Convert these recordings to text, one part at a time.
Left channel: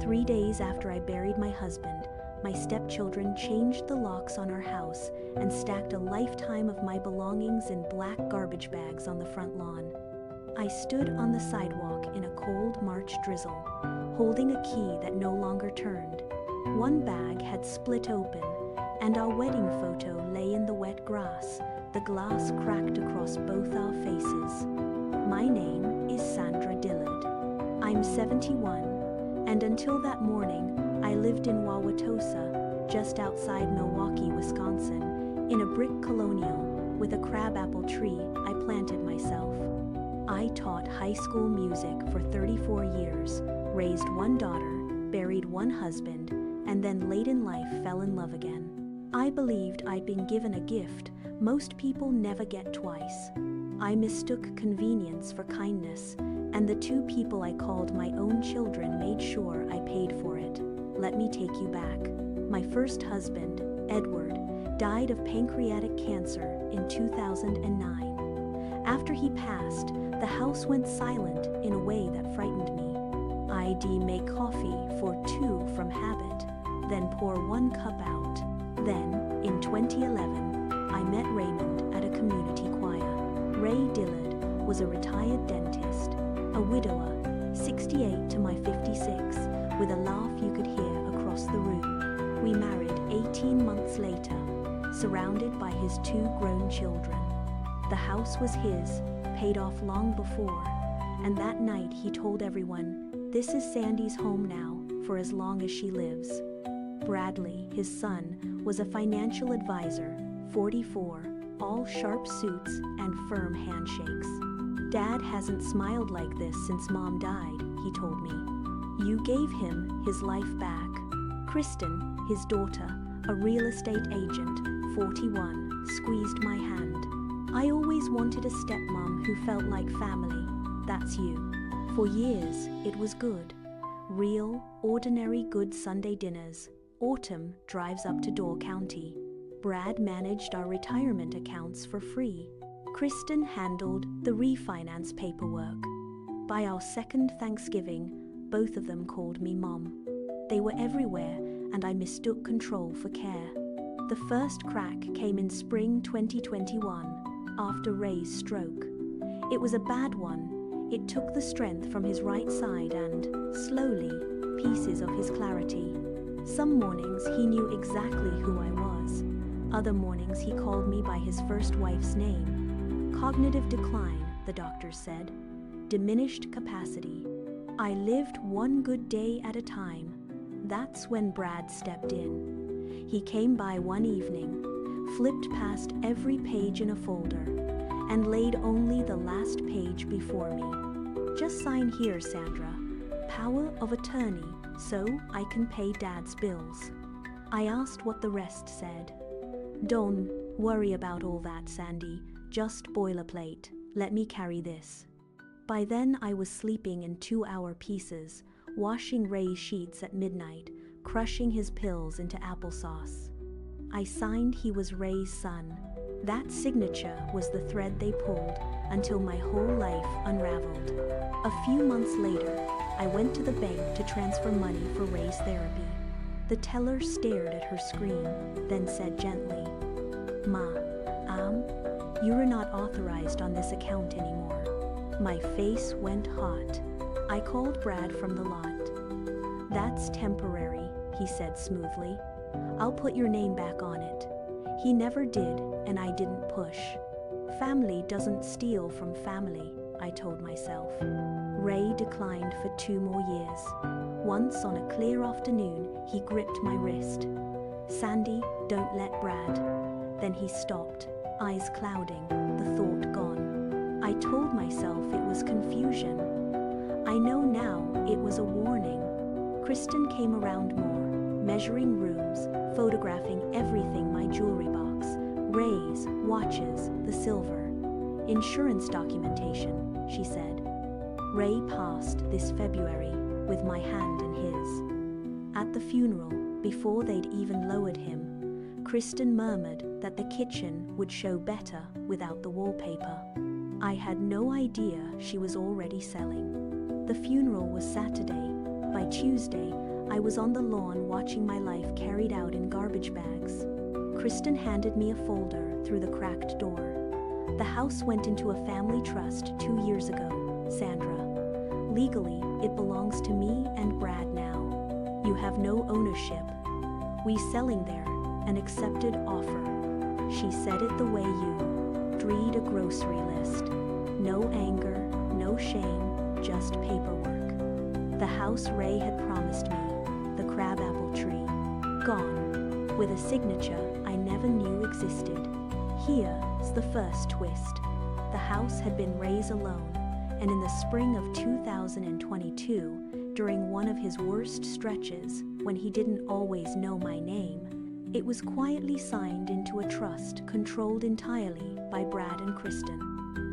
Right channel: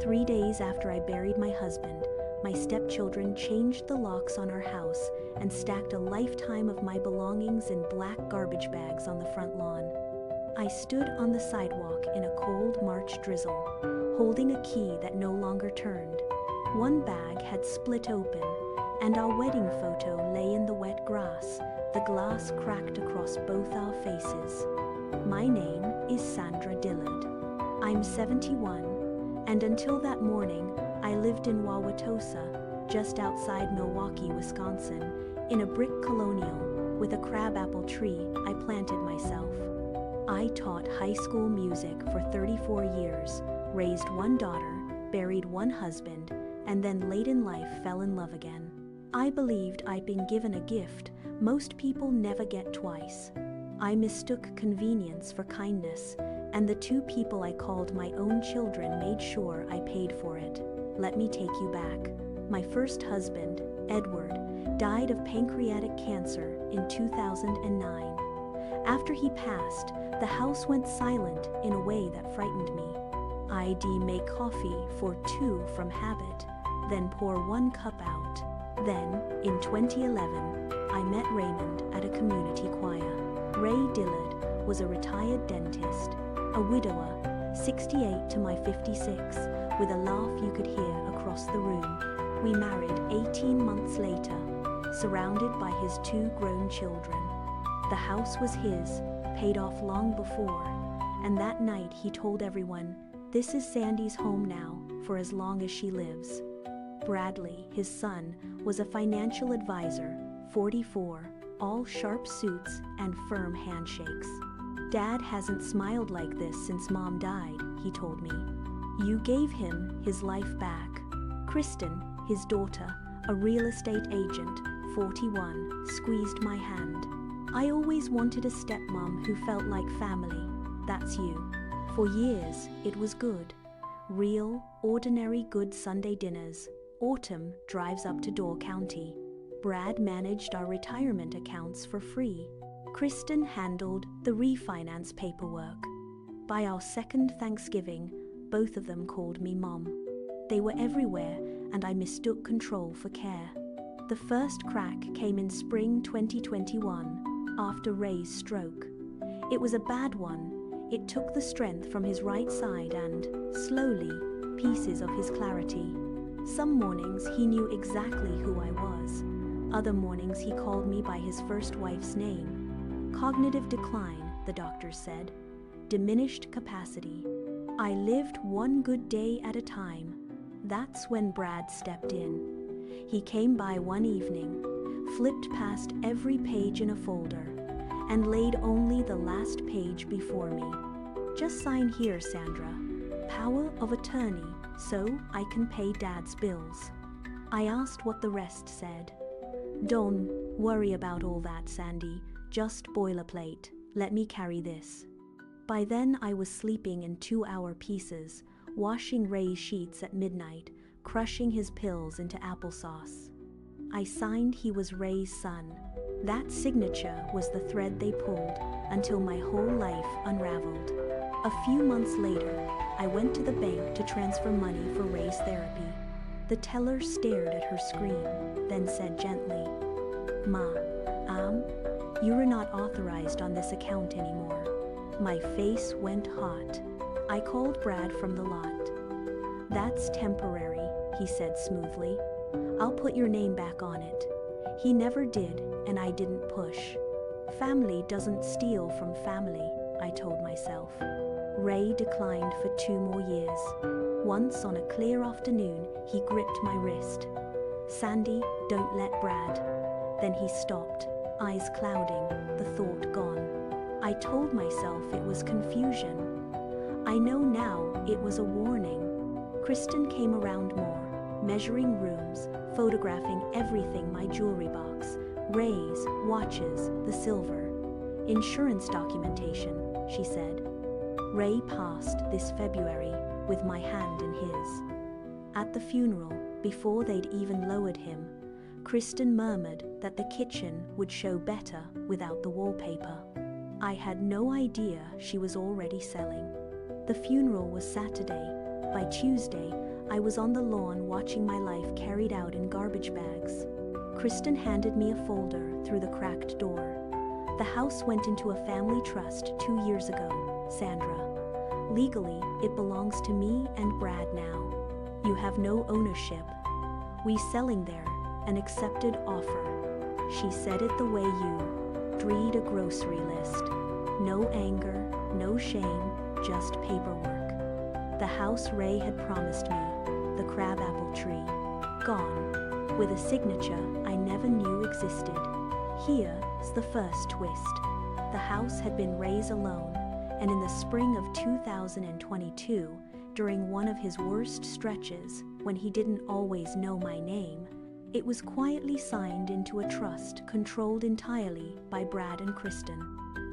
3 days after I buried my husband, my stepchildren changed the locks on our house and stacked a lifetime of my belongings in black garbage bags on the front lawn. I stood on the sidewalk in a cold March drizzle, holding a key that no longer turned. One bag had split open, and our wedding photo lay in the wet grass, the glass cracked across both our faces. My name is Sandra Dillard. I'm 71, and until that morning, I lived in Wauwatosa, just outside Milwaukee, Wisconsin, in a brick colonial with a crabapple tree I planted myself. I taught high school music for 34 years, raised one daughter, buried one husband, and then late in life fell in love again. I believed I'd been given a gift most people never get twice. I mistook convenience for kindness, and the two people I called my own children made sure I paid for it. Let me take you back. My first husband, Edward, died of pancreatic cancer in 2009. After he passed, the house went silent in a way that frightened me. I'd make coffee for two from habit, then pour one cup out. Then, in 2011, I met Raymond at a community choir. Ray Dillard was a retired dentist, a widower, 68 to my 56, with a laugh you could hear across the room. We married 18 months later, surrounded by his two grown children. The house was his, paid off long before, and that night he told everyone, "This is Sandy's home now, for as long as she lives." Bradley, his son, was a financial advisor, 44, all sharp suits and firm handshakes. "Dad hasn't smiled like this since Mom died," he told me. "You gave him his life back." Kristen, his daughter, a real estate agent, 41, squeezed my hand. "I always wanted a stepmom who felt like family. That's you." For years, it was good. Real, ordinary good Sunday dinners. Autumn drives up to Door County. Brad managed our retirement accounts for free. Kristen handled the refinance paperwork. By our second Thanksgiving, both of them called me Mom. They were everywhere, and I mistook control for care. The first crack came in spring 2021, after Ray's stroke. It was a bad one. It took the strength from his right side and, slowly, pieces of his clarity. Some mornings he knew exactly who I was. Other mornings he called me by his first wife's name. Cognitive decline, the doctors said. Diminished capacity. I lived one good day at a time. That's when Brad stepped in. He came by one evening, flipped past every page in a folder, and laid only the last page before me. "Just sign here, Sandra. Power of attorney, so I can pay Dad's bills." I asked what the rest said. "Don't worry about all that, Sandy. Just boilerplate. Let me carry this." By then I was sleeping in 2-hour pieces, washing Ray's sheets at midnight, crushing his pills into applesauce. I signed he was Ray's son. That signature was the thread they pulled until my whole life unraveled. A few months later, I went to the bank to transfer money for Ray's therapy. The teller stared at her screen, then said gently, "Ma, you are not authorized on this account anymore." My face went hot. I called Brad from the lot. "That's temporary," he said smoothly. "I'll put your name back on it." He never did, and I didn't push. Family doesn't steal from family, I told myself. Ray declined for 2 more years. Once on a clear afternoon, he gripped my wrist. "Sandy, don't let Brad." Then he stopped, eyes clouding, the thought gone. I told myself it was confusion. I know now it was a warning. Kristen came around more, measuring rooms, photographing everything, my jewelry box, Ray's, watches, the silver. "Insurance documentation," she said. "Ray passed this February with my hand in his." At the funeral, before they'd even lowered him, Kristen murmured that the kitchen would show better without the wallpaper. I had no idea she was already selling. The funeral was Saturday, By Tuesday, I was on the lawn watching my life carried out in garbage bags. Kristen handed me a folder through the cracked door. The house went into a family trust 2 years ago, Sandra. Legally, it belongs to me and Brad now. You have no ownership. We selling there, an accepted offer. She said it the way you read a grocery list. No anger, no shame, just paperwork. The house Ray had promised me, the crabapple tree, gone, with a signature I never knew existed. Here's the first twist. The house had been Ray's alone, and in the spring of 2022, during one of his worst stretches, when he didn't always know my name, it was quietly signed into a trust controlled entirely by Brad and Kristen.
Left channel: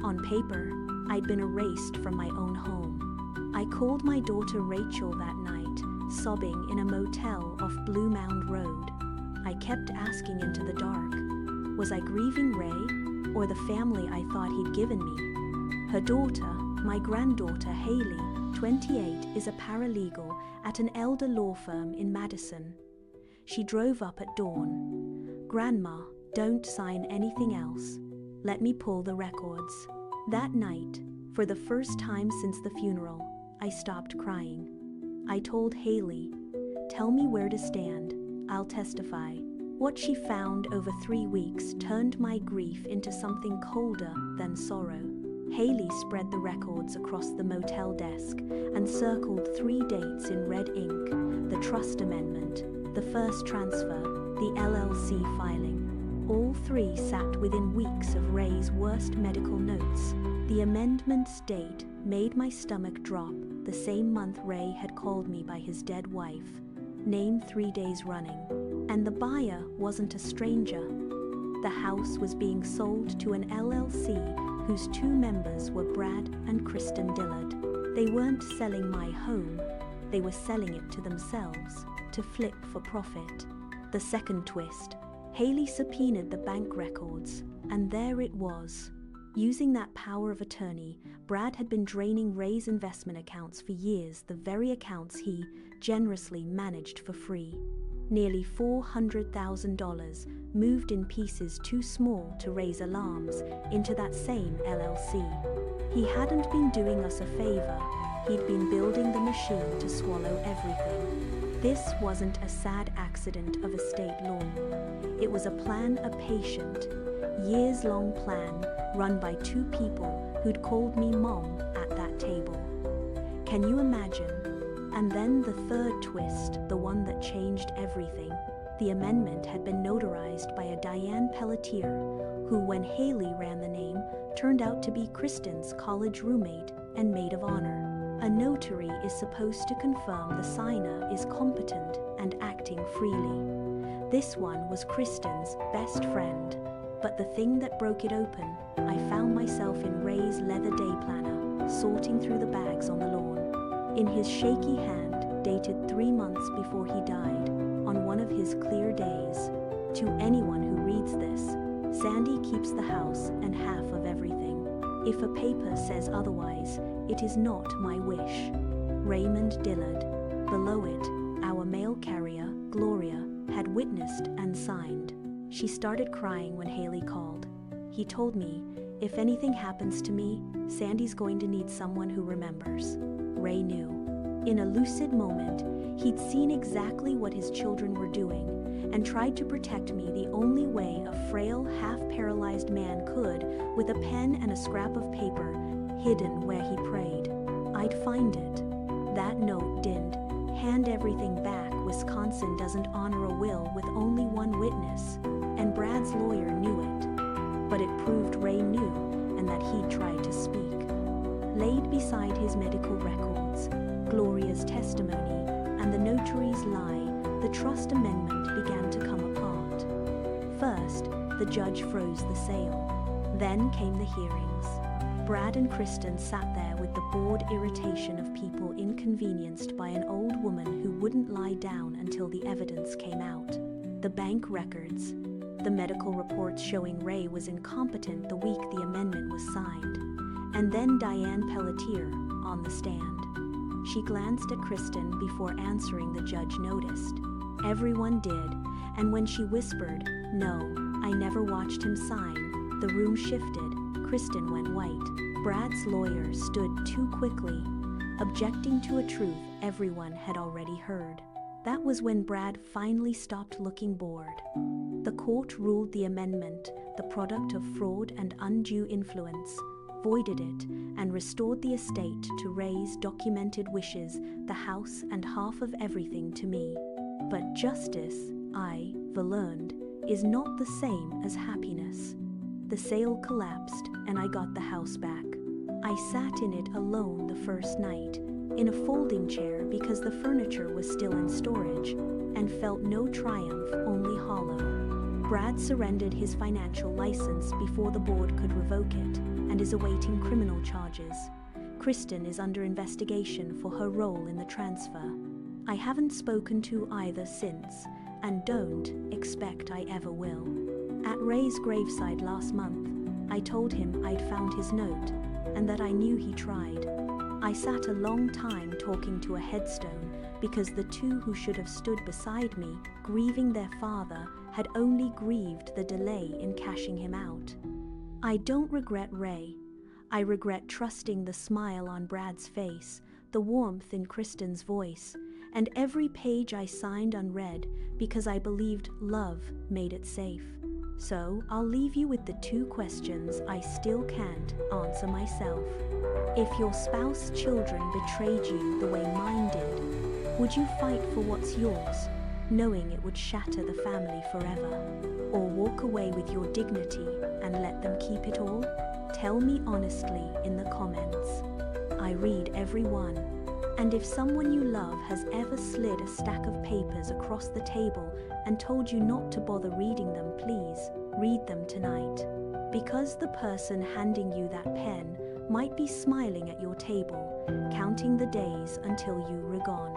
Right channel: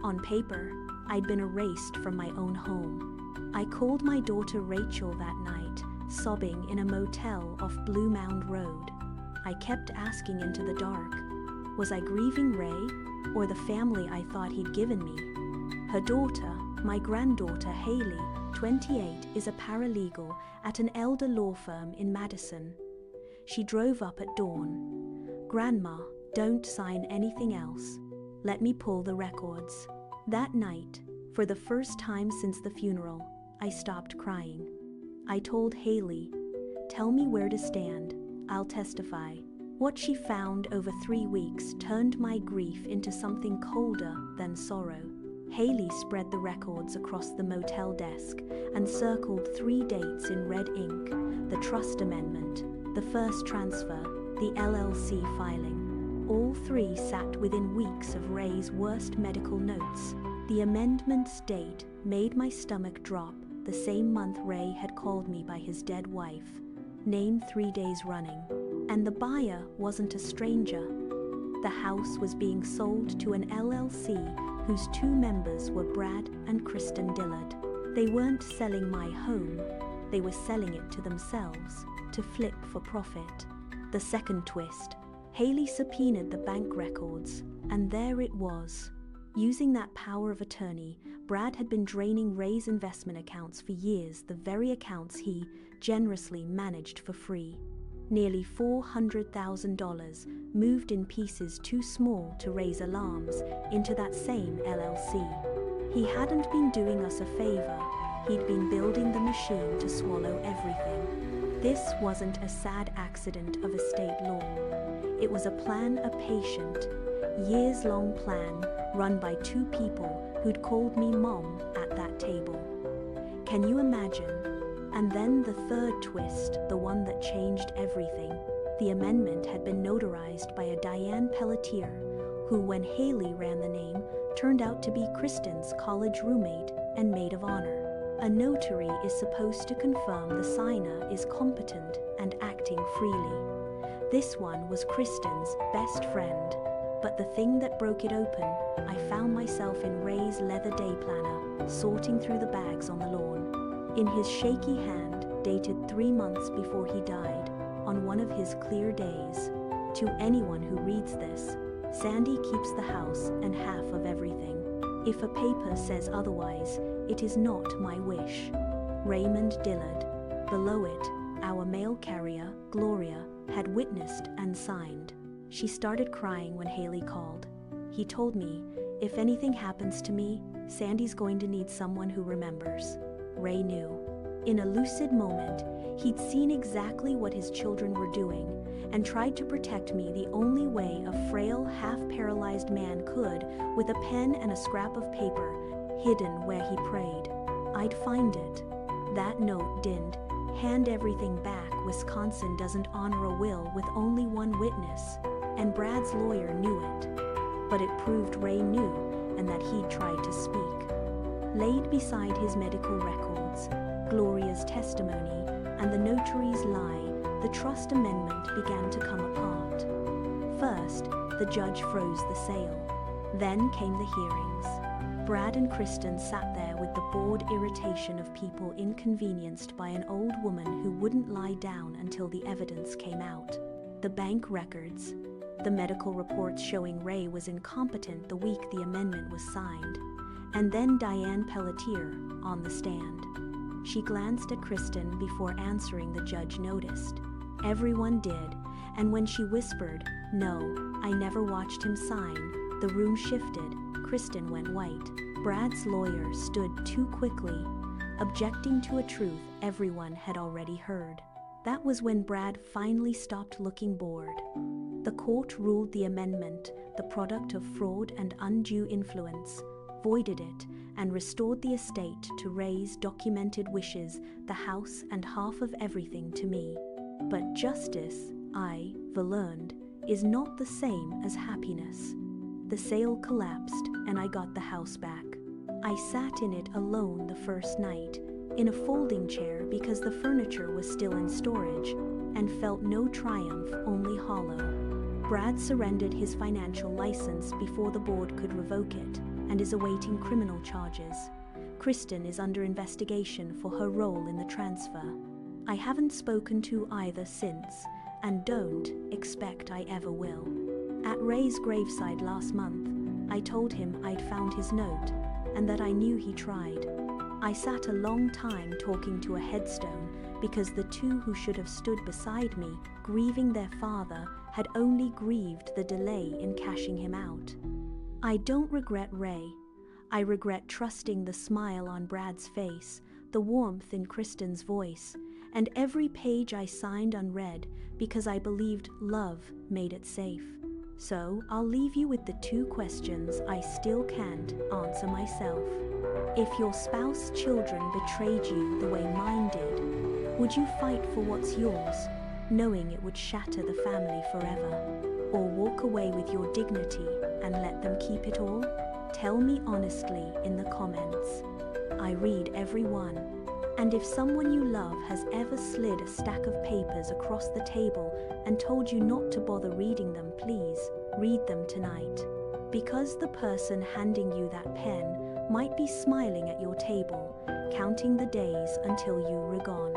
On paper, I'd been erased from my own home. I called my daughter Rachel that night, sobbing in a motel off Blue Mound Road. I kept asking into the dark, was I grieving Ray or the family I thought he'd given me? Her daughter, my granddaughter Haley, 28, is a paralegal at an elder law firm in Madison. She drove up at dawn. Grandma, don't sign anything else. Let me pull the records. That night, for the first time since the funeral, I stopped crying. I told Haley, tell me where to stand, I'll testify. What she found over 3 weeks turned my grief into something colder than sorrow. Haley spread the records across the motel desk and circled 3 dates in red ink: the trust amendment, the first transfer, the LLC filing. All 3 sat within weeks of Ray's worst medical notes. The amendment's date made my stomach drop, the same month Ray had called me by his dead wife, named 3 days running. And the buyer wasn't a stranger. The house was being sold to an LLC whose 2 members were Brad and Kristen Dillard. They weren't selling my home, they were selling it to themselves, to flip for profit. The second twist, Haley subpoenaed the bank records, and there it was. Using that power of attorney, Brad had been draining Ray's investment accounts for years, the very accounts he generously managed for free. Nearly $400,000 moved in pieces too small to raise alarms into that same LLC. He hadn't been doing us a favor, he'd been building the machine to swallow everything. This wasn't a sad accident of estate law. It was a plan, a patient, years-long plan run by 2 people who'd called me Mom at that table. Can you imagine? And then the third twist, the one that changed everything. The amendment had been notarized by a Diane Pelletier, who, when Haley ran the name, turned out to be Kristen's college roommate and maid of honor. A notary is supposed to confirm the signer is competent and acting freely. This one was Kristen's best friend. But the thing that broke it open, I found myself in Ray's leather day planner, sorting through the bags on the lawn. In his shaky hand, dated 3 months before he died, on one of his clear days. To anyone who reads this, Sandy keeps the house and half of everything. If a paper says otherwise, it is not my wish. Raymond Dillard. Below it, our mail carrier, Gloria, had witnessed and signed. She started crying when Haley called. He told me, if anything happens to me, Sandy's going to need someone who remembers. Ray knew. In a lucid moment, he'd seen exactly what his children were doing and tried to protect me the only way a frail, half-paralyzed man could, with a pen and a scrap of paper hidden where he prayed. I'd find it. That note didn't hand everything back. Wisconsin doesn't honor a will with only 1 witness, and Brad's lawyer knew it. But it proved Ray knew and that he'd tried to speak. Laid beside his medical records, Gloria's testimony, and the notary's lie, the trust amendment began to come apart. First, the judge froze the sale. Then came the hearings. Brad and Kristen sat there with the bored irritation of people inconvenienced by an old woman who wouldn't lie down until the evidence came out. The bank records, the medical reports showing Ray was incompetent the week the amendment was signed, and then Diane Pelletier on the stand. She glanced at Kristen before answering. The judge noticed. Everyone did, and when she whispered, "No, I never watched him sign," the room shifted. Kristen went white. Brad's lawyer stood too quickly, objecting to a truth everyone had already heard. That was when Brad finally stopped looking bored. The court ruled the amendment, the product of fraud and undue influence, voided it, and restored the estate to Ray's documented wishes, the house and half of everything to me. But justice, I learned, is not the same as happiness. The sale collapsed, and I got the house back. I sat in it alone the first night, in a folding chair because the furniture was still in storage, and felt no triumph, only hollow. Brad surrendered his financial license before the board could revoke it, and is awaiting criminal charges. Kristen is under investigation for her role in the transfer. I haven't spoken to either since, and don't expect I ever will. At Ray's graveside last month, I told him I'd found his note, and that I knew he tried. I sat a long time talking to a headstone because the two who should have stood beside me, grieving their father, had only grieved the delay in cashing him out. I don't regret Ray. I regret trusting the smile on Brad's face, the warmth in Kristen's voice, and every page I signed unread because I believed love made it safe. So I'll leave you with the two questions I still can't answer myself. If your spouse's children betrayed you the way mine did, would you fight for what's yours, knowing it would shatter the family forever? Or walk away with your dignity and let them keep it all? Tell me honestly in the comments. I read every one. And if someone you love has ever slid a stack of papers across the table and told you not to bother reading them, please read them tonight. Because the person handing you that pen might be smiling at your table, counting the days until you were gone.